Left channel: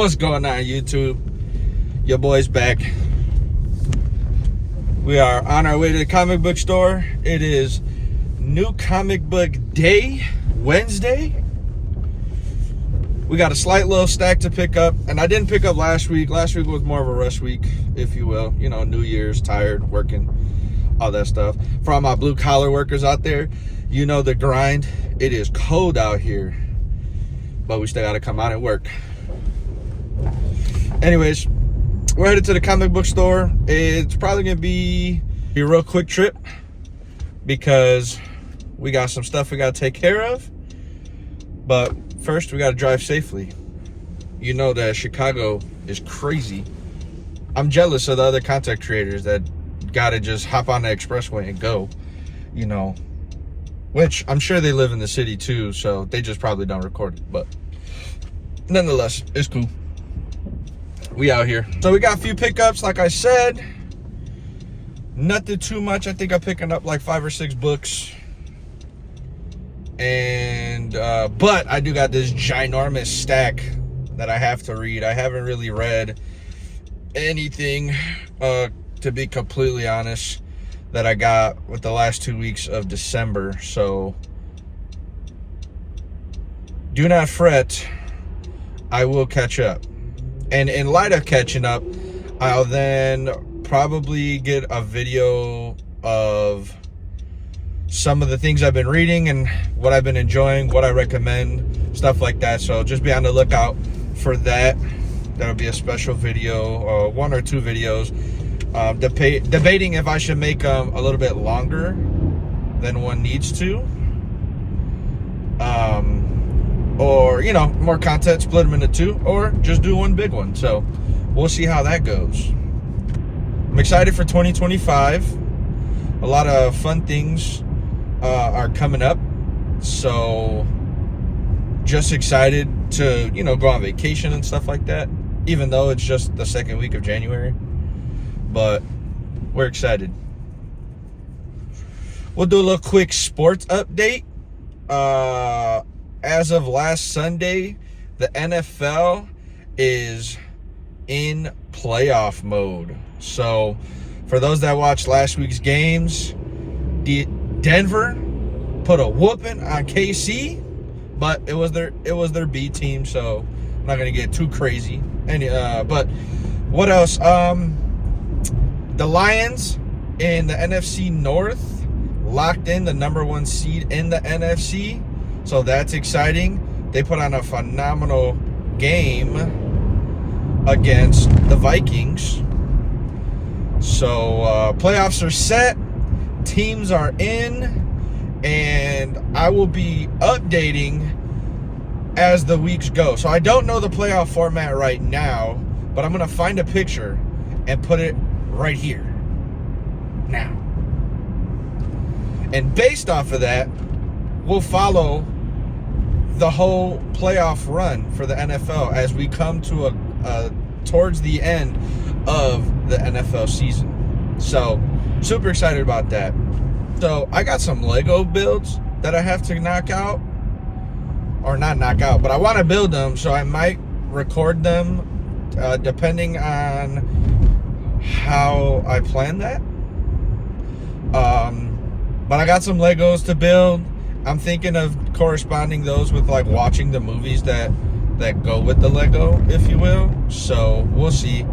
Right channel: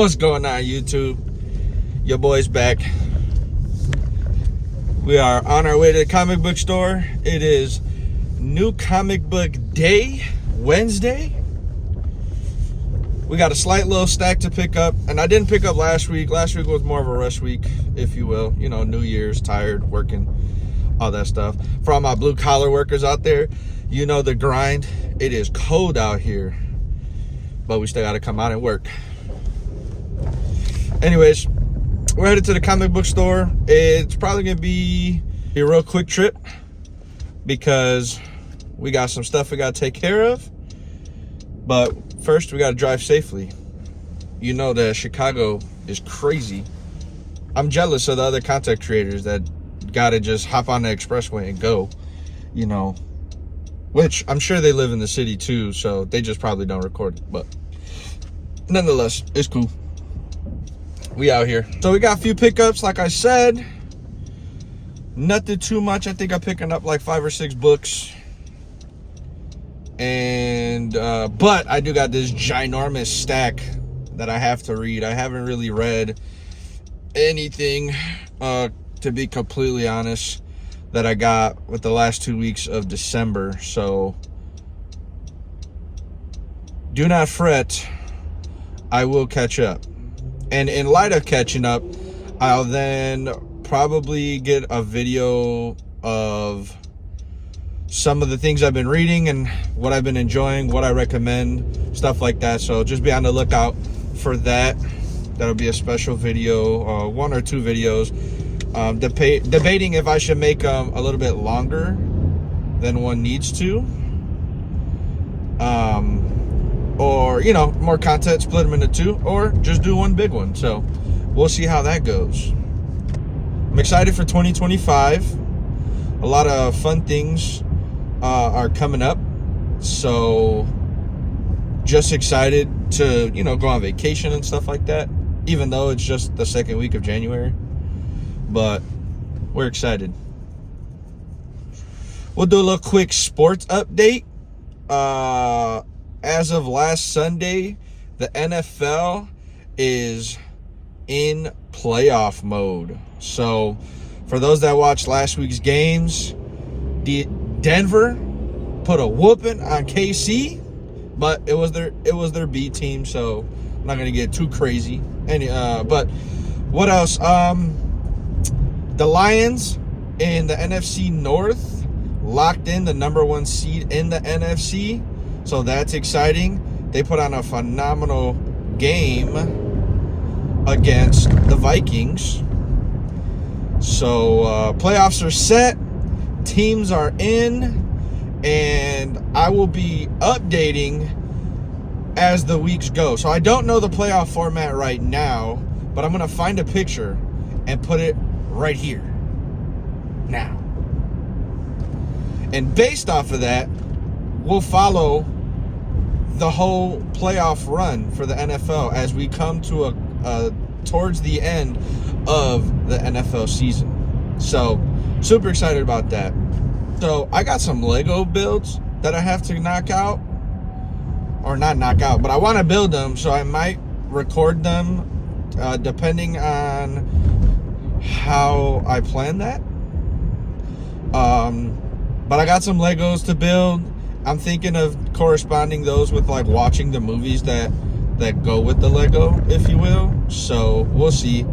What's going on, YouTube? Your boy's back. We are on our way to the comic book store. It is New Comic Book Day, Wednesday. We got a slight little stack to pick up, and I didn't pick up last week. Last week was more of a rush week, if you will. You know, New Year's, tired, working, all that stuff. For all my blue collar workers out there, you know the grind. It is cold out here, but we still got to come out and work. Anyways, we're headed to the comic book store. It's probably gonna be a real quick trip because we got some stuff we gotta take care of. But first, we gotta drive safely. You know that Chicago is crazy. I'm jealous of the other content creators that gotta just hop on the expressway and go, you know, which I'm sure they live in the city too, so they just probably don't record it. But nonetheless, it's cool. We out here. So we got a few pickups, like I said. Nothing too much. I think I'm picking up like 5 or 6 books. And but I do got this ginormous stack that I have to read. I haven't really read anything, to be completely honest, that I got with the last 2 weeks of December. So do not fret. I will catch up. And in light of catching up, I'll then probably get a video of some of the things I've been reading and what I've been enjoying, what I recommend, stuff like that. So just be on the lookout for that. That'll be a special video, 1 or 2 videos, debating if I should make them a little bit longer than one needs to. Or, you know, more content, split them into 2, or just do one big one. So we'll see how that goes. I'm excited for 2025. A lot of fun things are coming up. So just excited to, you know, go on vacation and stuff like that, even though it's just the 2nd week of January. But we're excited. We'll do a little quick sports update. As of last Sunday, the NFL is in playoff mode. So for those that watched last week's games, Denver put a whooping on KC, but it was their B team, so I'm not gonna get too crazy. But what else? The Lions in the NFC North locked in the #1 seed in the NFC. So that's exciting. They put on a phenomenal game against the Vikings. So playoffs are set. Teams are in. And I will be updating as the weeks go. So I don't know the playoff format right now, but I'm going to find a picture and put it right here now. And based off of that, we'll follow the whole playoff run for the NFL as we come to towards the end of the NFL season. So super excited about that. So I got some Lego builds that I have to knock out, or not knock out, but I want to build them. So I might record them depending on how I plan that. But I got some Legos to build. I'm thinking of corresponding those with like watching the movies that go with the Lego, if you will. So we'll see.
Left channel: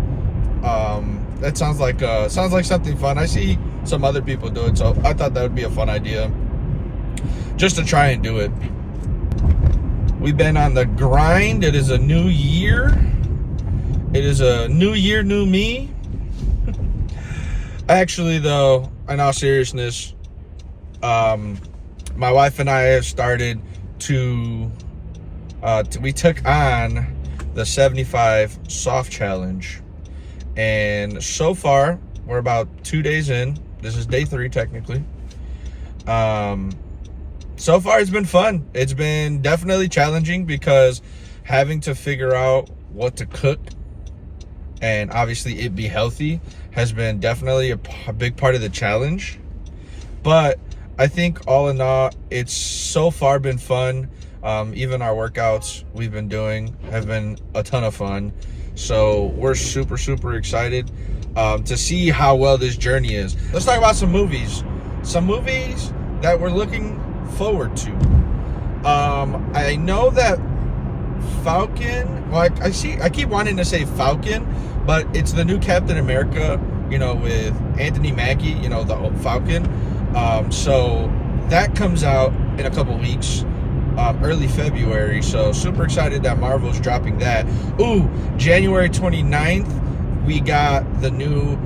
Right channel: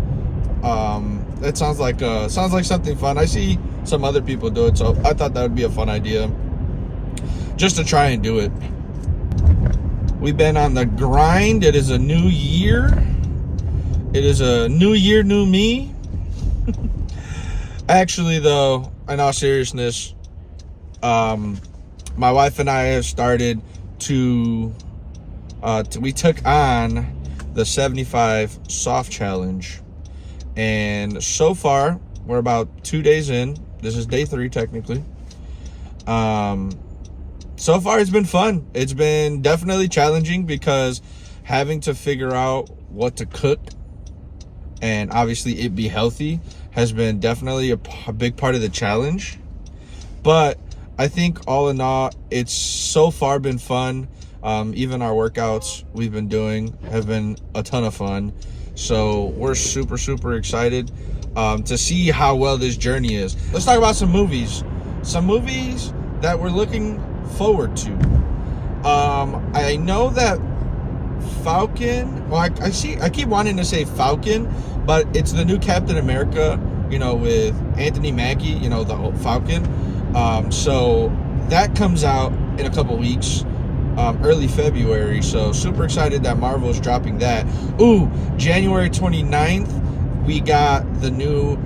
That sounds like something fun. I see some other people do it, so I thought that would be a fun idea, just to try and do it. We've been on the grind. It is a new year. It is a new year, new me. Actually, though, in all seriousness, my wife and I have started to we took on the 75 soft challenge, and so far we're about 2 days in. This is day 3 technically. So far it's been fun. It's been definitely challenging because having to figure out what to cook and obviously it be healthy has been definitely a big part of the challenge. But I think all in all, it's so far been fun. Even our workouts we've been doing have been a ton of fun. So we're super, super excited to see how well this journey is. Let's talk about some movies. Some movies that we're looking forward to. I know that Falcon, well, I keep wanting to say Falcon, but it's the new Captain America, with Anthony Mackie, the Falcon. So that comes out in a couple weeks, early February. So super excited that Marvel's dropping that. Ooh, January 29th, we got the new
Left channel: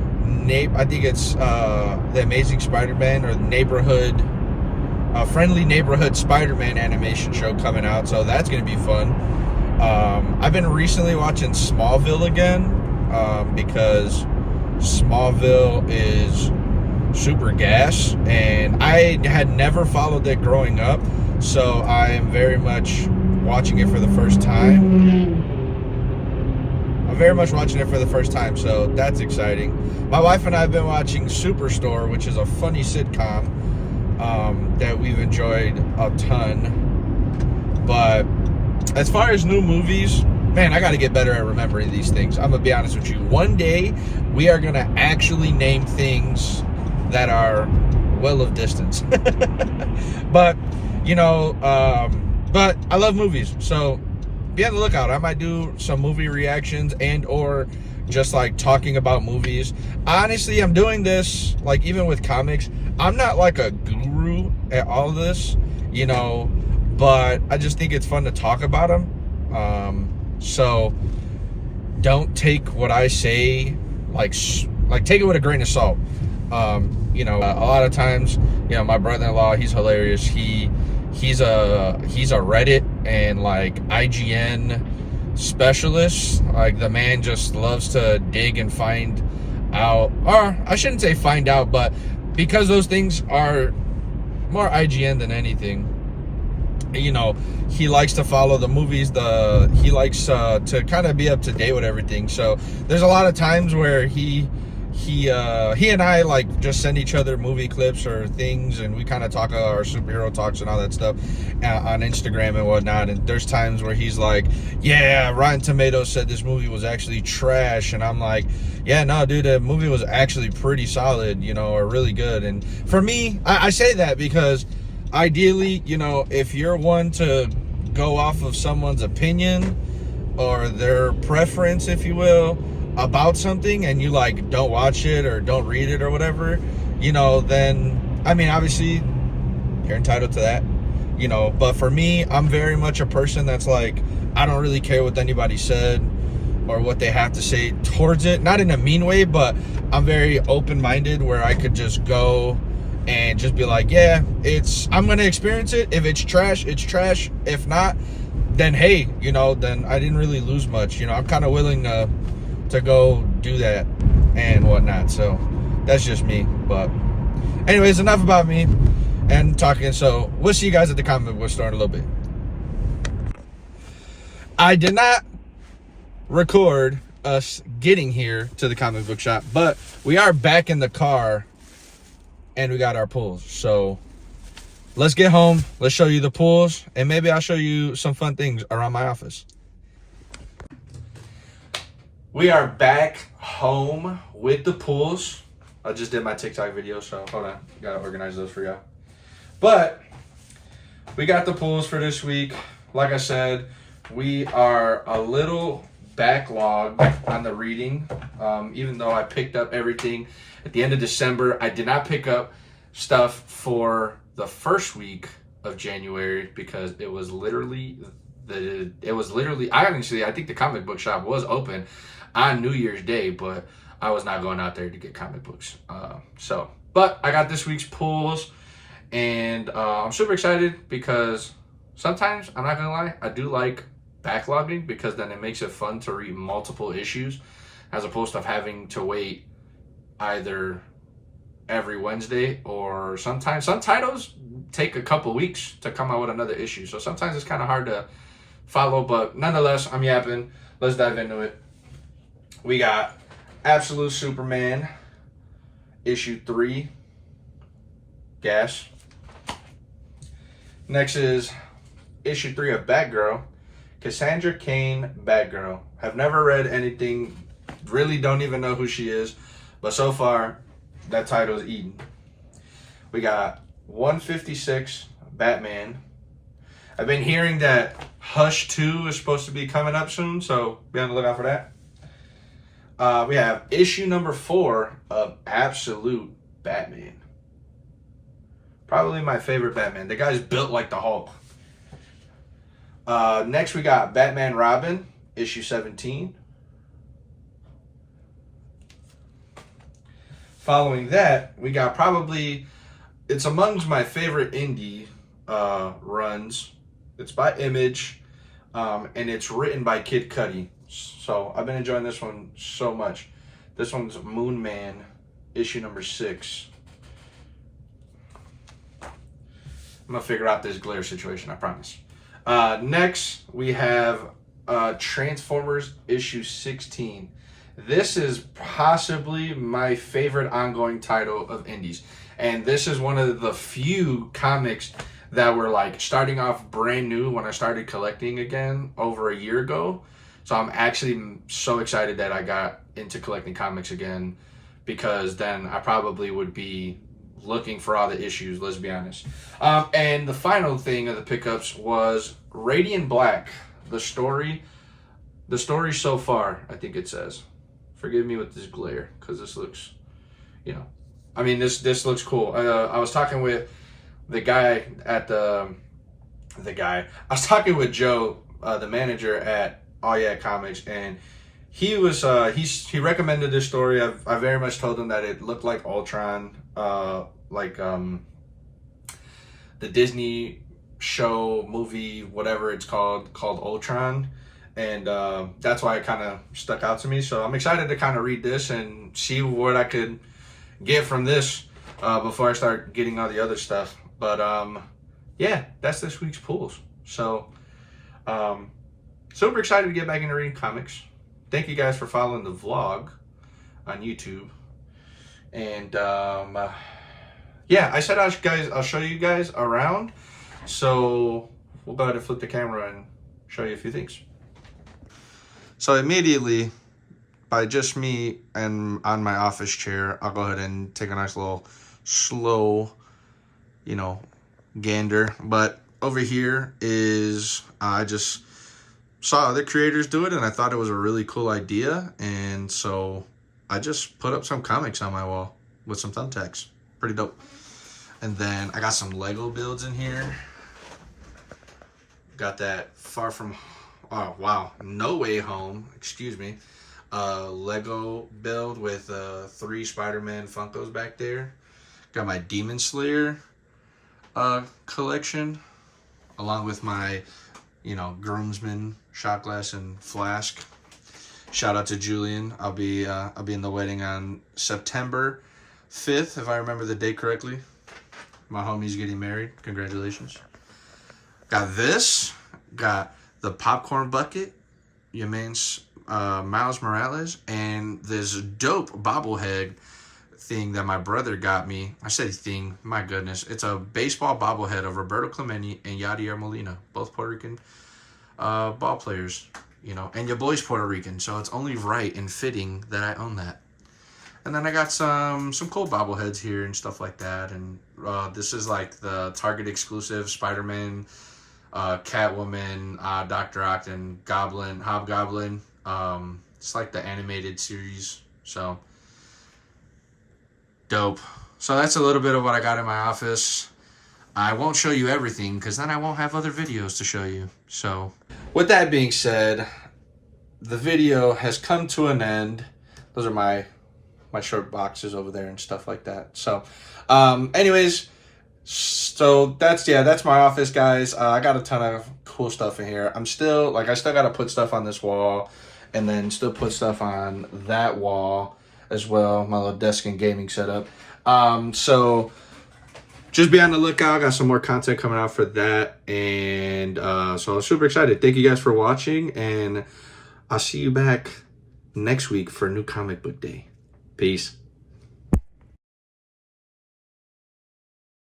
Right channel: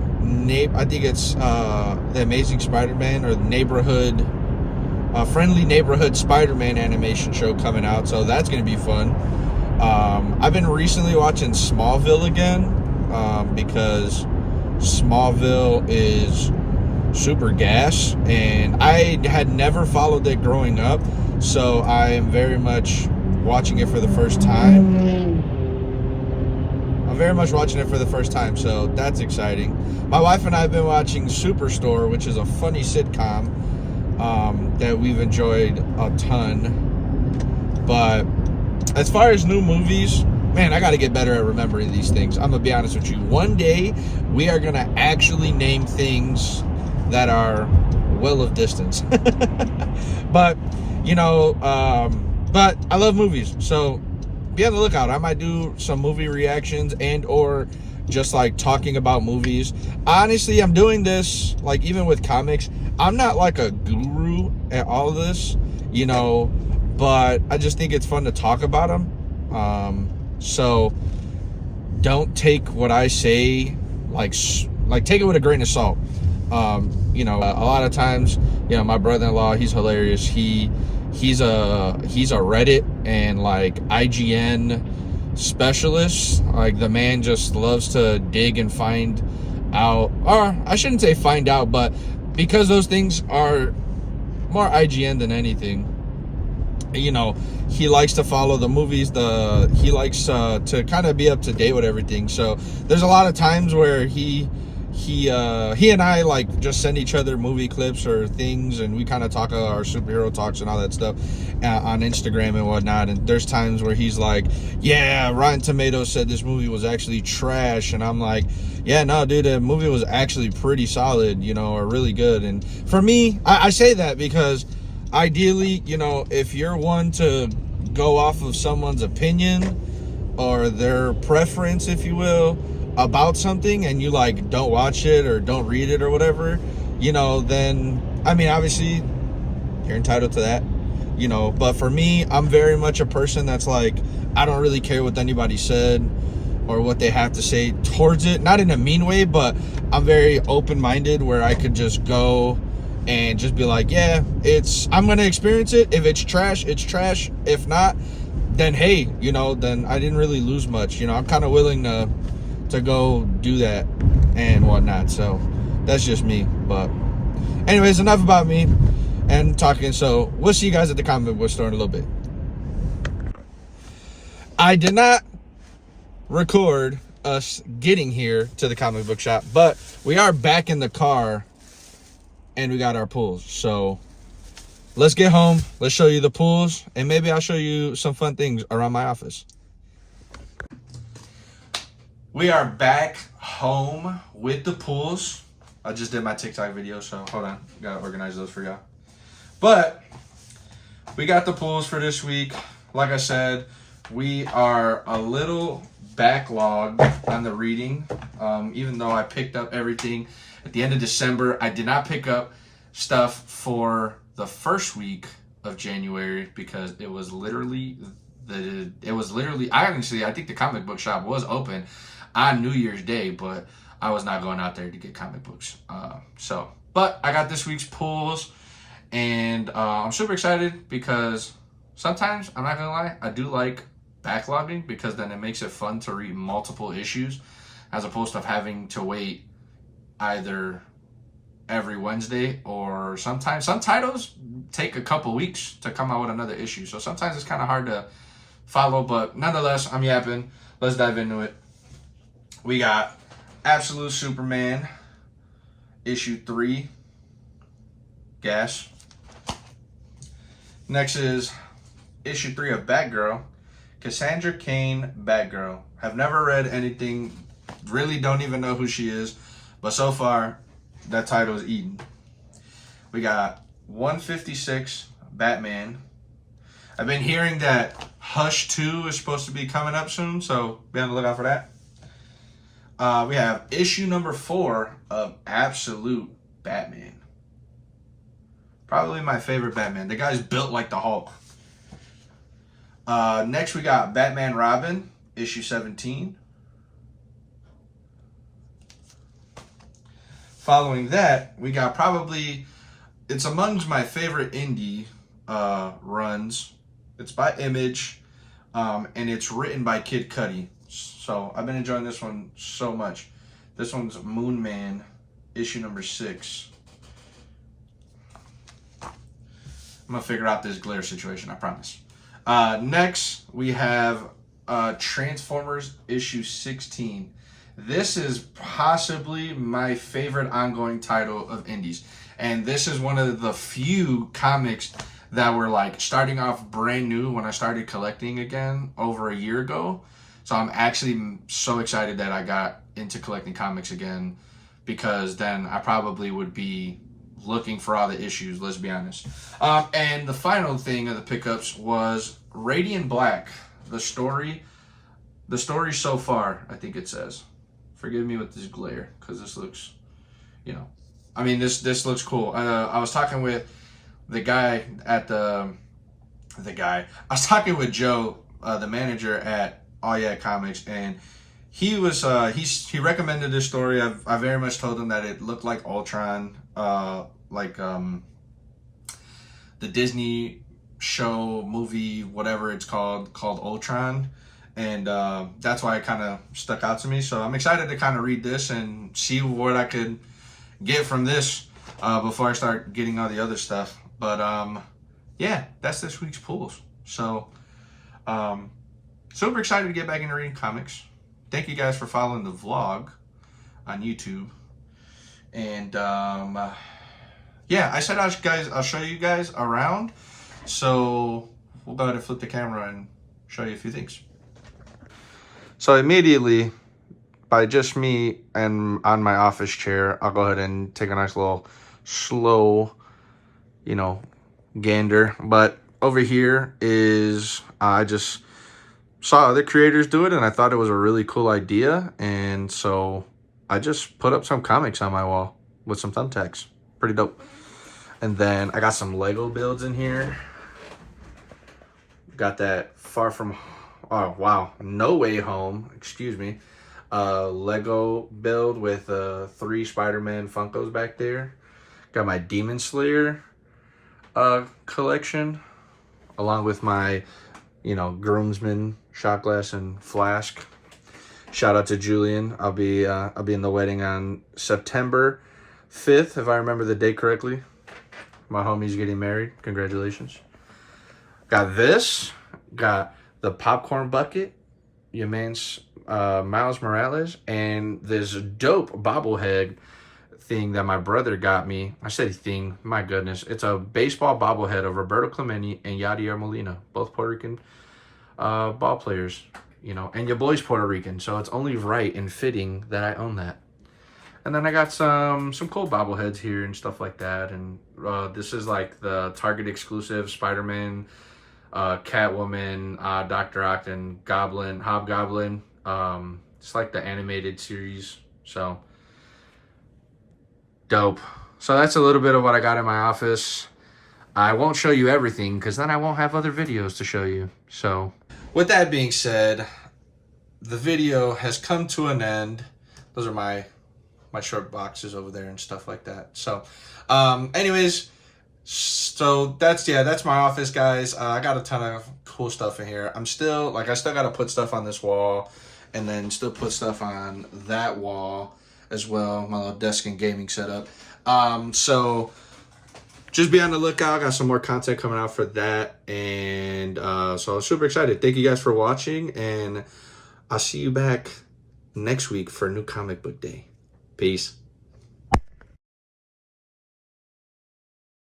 I think it's the Amazing Spider-Man, or the Friendly Neighborhood Spider-Man animation show coming out. So that's going to be fun. I've been recently watching Smallville again because Smallville is super gas, and I had never followed it growing up, so I am very much watching it for the first time. So that's exciting. My wife and I have been watching Superstore, which is a funny sitcom that we've enjoyed a ton. But as far as new movies, man, I got to get better at remembering these things. I'm going to be honest with you. One day, we are going to actually name things that are well of distance. But, but I love movies. So be on the lookout. I might do some movie reactions and or just like talking about movies. Honestly, I'm doing this, like, even with comics. I'm not like a guru at all of this, but I just think it's fun to talk about them. So don't take what I say like take it with a grain of salt. A lot of times, my brother-in-law, he's hilarious. He's a Reddit and like IGN specialist. Like, the man just loves to dig and find out, or I shouldn't say find out, but because those things are more IGN than anything, he likes to follow the movies. He likes to kind of be up to date with everything. So there's a lot of times where he and I like just send each other movie clips or things, and we kind of talk about our superhero talks and all that stuff on Instagram and whatnot. And there's times where he's like, yeah, Rotten Tomatoes said this movie was actually trash, and I'm like, yeah, no, dude, the movie was actually pretty solid, or really good. And for me, I say that because ideally, if you're one to go off of someone's opinion or their preference, if you will, about something, and you like don't watch it or don't read it or whatever, then I mean, obviously you're entitled to that, but for me, I'm very much a person that's like, I don't really care what anybody said or what they have to say towards it, not in a mean way, but I'm very open-minded where I could just go and just be like, yeah, I'm gonna experience it. If it's trash, it's trash. If not, then hey, then I didn't really lose much. I'm kind of willing to go do that and whatnot. So that's just me. But anyways, enough about me and talking. So we'll see you guys at the comic book store in a little bit. I did not record us getting here to the comic book shop, but we are back in the car and we got our pools. So let's get home. Let's show you the pools, and maybe I'll show you some fun things around my office. We are back home with the pools. I just did my TikTok video, so hold on. Gotta organize those for y'all. But we got the pools for this week. Like I said, we are a little backlogged on the reading. Even though I picked up everything at the end of December, I did not pick up stuff for the first week of January because it was literally I think the comic book shop was open on New Year's Day, but I was not going out there to get comic books. But I got this week's pulls, and I'm super excited because sometimes, I'm not gonna lie, I do like backlogging because then it makes it fun to read multiple issues as opposed to having to wait either every Wednesday, or sometimes some titles take a couple weeks to come out with another issue. So sometimes it's kind of hard to follow, but nonetheless, I'm yapping. Let's dive into it. We got Absolute Superman, issue 3, Gas. Next is issue 3 of Batgirl. Cassandra Cain, Batgirl. Have never read anything, really don't even know who she is, but so far, that title is eaten. We got 156, Batman. I've been hearing that Hush 2 is supposed to be coming up soon, so be on the lookout for that. We have issue number 4 of Absolute Batman. Probably my favorite Batman. The guy's built like the Hulk. Next, we got Batman Robin, issue 17. Following that, we got probably, it's amongst my favorite indie runs. It's by Image, and it's written by Kid Cudi. So I've been enjoying this one so much. This one's Moon Man, issue number 6. I'm gonna figure out this glare situation, I promise. Next, we have Transformers issue 16. This is possibly my favorite ongoing title of indies. And this is one of the few comics that were like starting off brand new when I started collecting again over a year ago. So I'm actually so excited that I got into collecting comics again, because then I probably would be looking for all the issues, let's be honest. And the final thing of the pickups was Radiant Black. The story so far, I think it says. Forgive me with this glare, because this looks, you know, I mean, this looks cool. I was talking with the guy at I was talking with Joe, the manager at All Yeah Comics, and he was he recommended this story. I very much told him that it looked like Ultron, like the Disney show, movie, whatever it's called Ultron, and that's why it kind of stuck out to me. So I'm excited to kind of read this and see what I could get from this before I start getting all the other stuff. But yeah, that's this week's pulls. So super excited to get back into reading comics. Thank you guys for following the vlog on YouTube. And yeah, I said I'll show you guys around. So we'll go ahead and flip the camera and show you a few things. So immediately, by just me and on my office chair, I'll go ahead and take a nice little slow, you know, gander. But over here is, I just saw other creators do it and I thought it was a really cool idea. And so I just put up some comics on my wall with some thumbtacks. Pretty dope. And then I got some Lego builds in here. Got that No Way Home, excuse me. Lego build with 3 Spider-Man Funkos back there. Got my Demon Slayer collection, along with my, you know, groomsmen, shot glass and flask. Shout out to Julian. I'll be in the wedding on September 5th, if I remember the date correctly. My homie's getting married. Congratulations. Got this. Got the popcorn bucket. Your man's Miles Morales. And this dope bobblehead thing that my brother got me. I said thing. My goodness. It's a baseball bobblehead of Roberto Clemente and Yadier Molina. Both Puerto Rican ball players. You know, and your boy's Puerto Rican. So it's only right and fitting that I own that. And then I got some cool bobbleheads here and stuff like that. And this is like the Target exclusive Spider-Man, Catwoman, Dr. Octon, Hobgoblin. It's like the animated series. So dope. So that's a little bit of what I got in my office. I won't show you everything because then I won't have other videos to show you. So with that being said, the video has come to an end. Those are my short boxes over there and stuff like that. So anyways, so that's my office, guys. I got a ton of cool stuff in here. I still got to put stuff on this wall and then still put stuff on that wall as well. My little desk and gaming setup. So just be on the lookout. I got some more content coming out for that. And so I'm super excited. Thank you guys for watching, and I'll see you back next week for a new comic book day. Peace.